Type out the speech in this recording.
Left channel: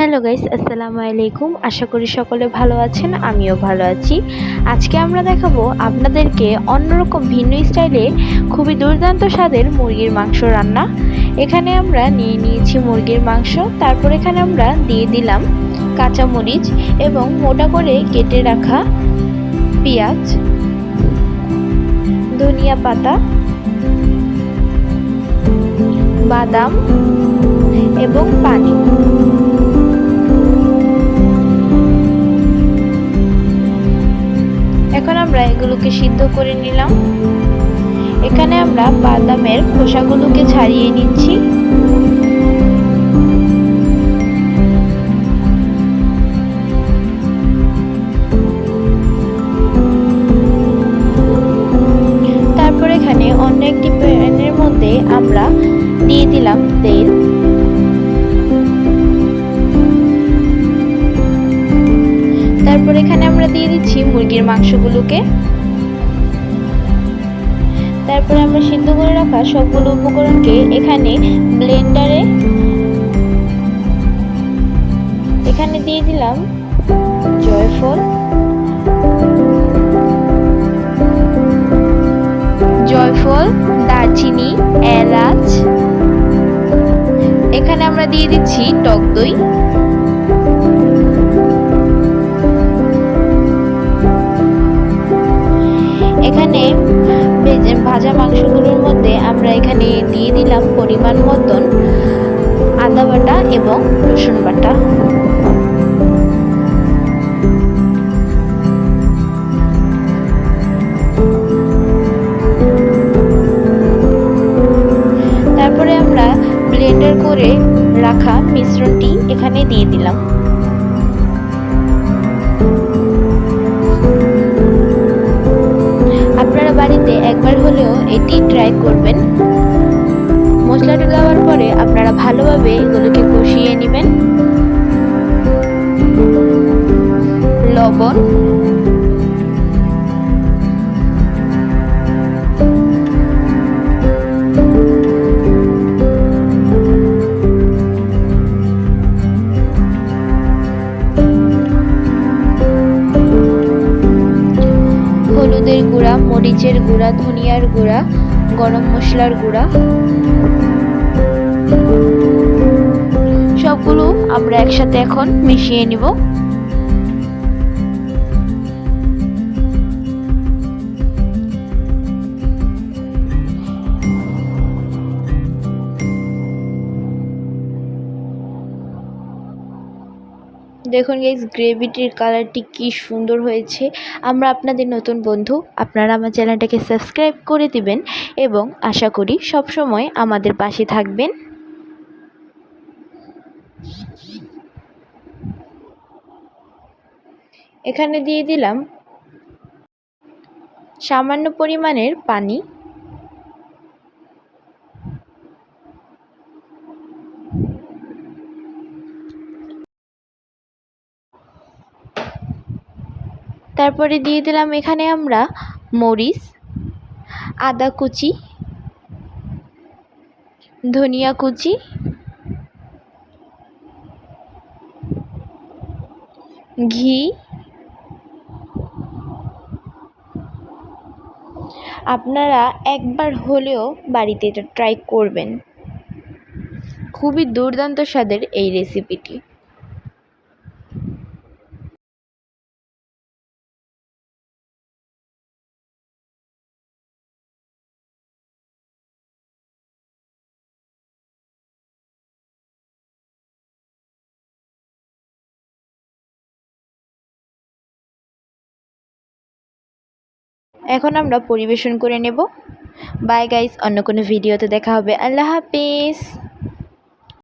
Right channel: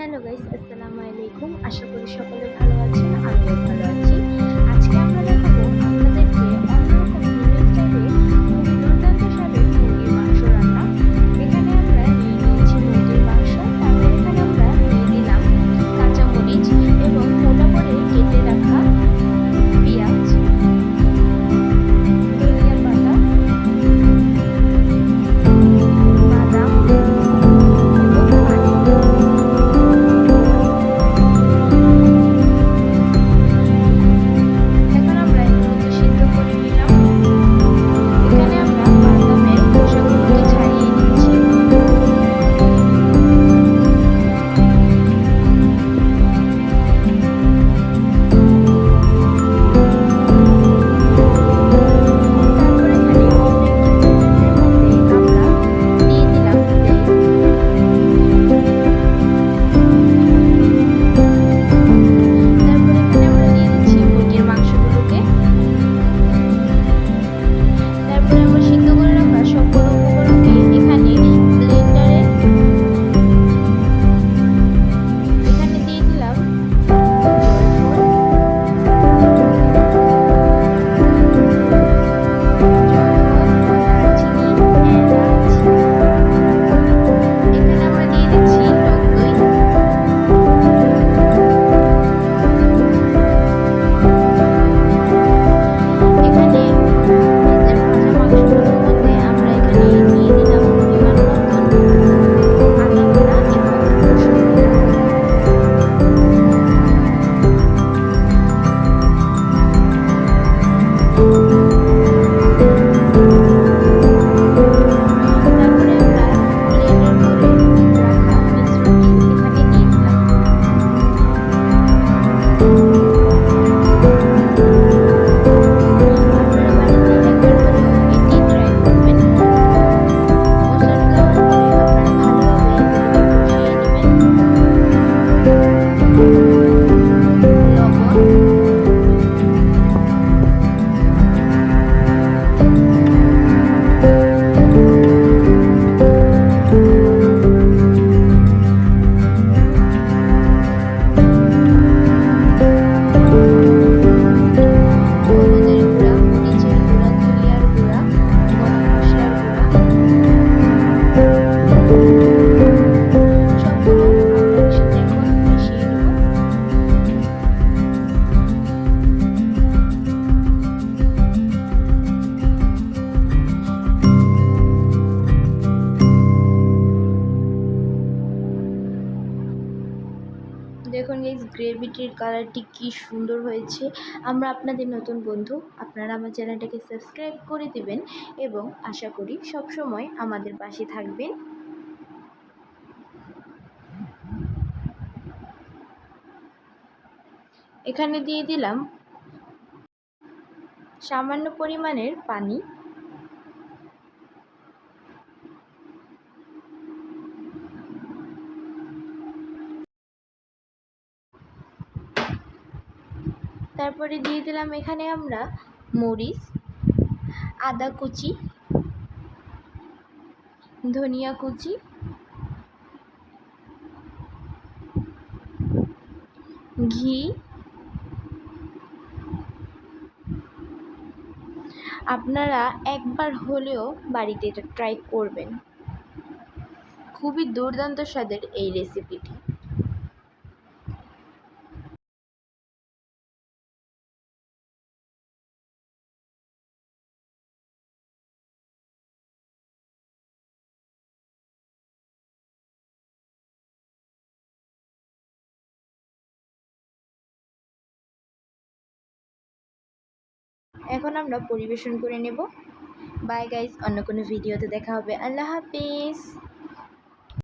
Hello guys, আসসালামু আলাইকুম। আশা করি সকলে ভালো আছেন, আমিও ভালো আছি। আজকে আমরা দেখাবো আপনাদেরকে অন্যরকম ভিন্ন স্টাইলে খুবই দুর্দান্ত স্বাদের মুরগির মাংস রান্না। এখানে আমরা নিয়ে নিয়েছি মুরগির মাংস, তারপর এখানে আমরা দিয়ে দিলাম কাঁচামরিচ এবং মোটা করে কেটে রাখা পেঁয়াজ, ধনিয়া পাতা সিদ্ধ করে নিলাম। এখানে আমরা বাদামের খোসাগুলোকে ছাড়িয়ে নিচ্ছি। তারপর এখানে অন্য একটি প্যানের মধ্যে আমরা দিয়ে দিলাম তেল। তারপর এখানে আমরা দিয়ে দিচ্ছি মুরগির মাংসগুলোকে। তারপরে আমরা সিদ্ধ করে রাখা সবগুলো উপকরণকে এখানে ব্লেন্ডারে এখানে দিয়ে দিলাম জয়ফল। জয়ফল, দারচিনি, এলাচ। এখানে আমরা দিয়ে দিচ্ছি টক দই। এবং রসুন বাটা। তারপরে আমরা ব্লেন্ডার করে রাখা মিশ্রণটি এখানে দিয়ে দিলাম। মরিচের গুঁড়া ধনিয়ার গুঁড়া গরম মশলার গুঁড়া। সবগুলো আমরা একসাথে এখন মিশিয়ে নিব। দেখুন গাইজ গ্রেভিটির কালারটি কি সুন্দর হয়েছে। আমরা আপনাদের নতুন বন্ধু, আপনারা আমার চ্যানেলটাকে সাবস্ক্রাইব করে দিবেন এবং আশা করি সব সময় আমাদের পাশে থাকবেন। এখানে দিয়ে দিলাম সামান্য পরিমাণের পানি। তারপরে দিয়ে দিলাম এখানে আমরা মরিচ, আদা কুচি, ধনিয়া কুচি, ঘি, আপনারা একবার হলেও বাড়িতে এটা ট্রাই করবেন। খুবই দুর্দান্ত স্বাদের এই রেসিপিটি এখন আমরা পরিবেশন করে নেব। বাই গাইস অন্য কোনো ভিডিওতে দেখা হবে। আল্লাহ হাফিজ।